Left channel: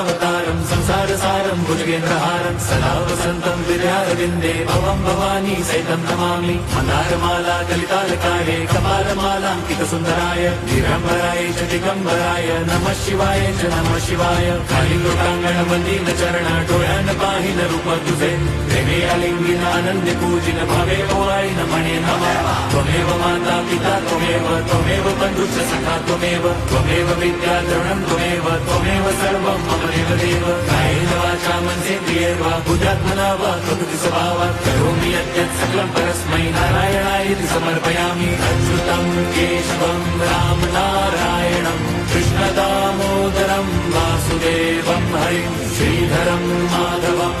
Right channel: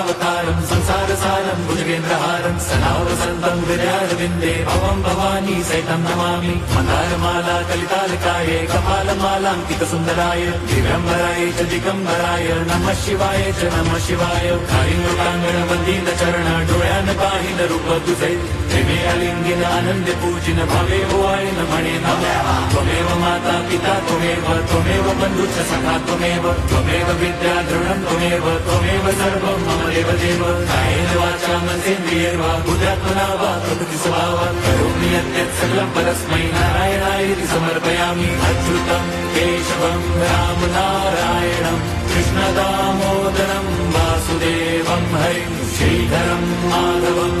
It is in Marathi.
कृष्णावतारं संसारसारं भुजगेन्द्रहारं सदा वसन्तं विद्यारविन्दे भवं भवानी सहितं नमामि मन्दारमाला कलितालकार्ये कपालमालाङ्कितसुन्दराय दिगम्बराय च दिगम्बराय नमः शिवाय च नमः शिवाय कालिङ्गोटाङ्गण मन्दिरचरण डोळ्यान पाहिन रूप तुझे प्रेमे अलिंगिन आनंदी पूजिन भावे ओवाय नमणे नमः त्वमेव माता पिता त्वमेव बन्धुश्च सखा त्वमेव विद्या द्रविणं त्वमेव सर्वं मम देवदेव कायेन वाचा मनसेन्द्रियैर्वा बुद्ध्यात्मना वा प्रकृति स्वभावात् करोमि यद्यत् सकलं परस्मै नारायणायति समर्पयामि अच्युतं केशवं राम नारायणं कृष्णदामोदरं वासुदेवं हरिं श्रीधरं माधवं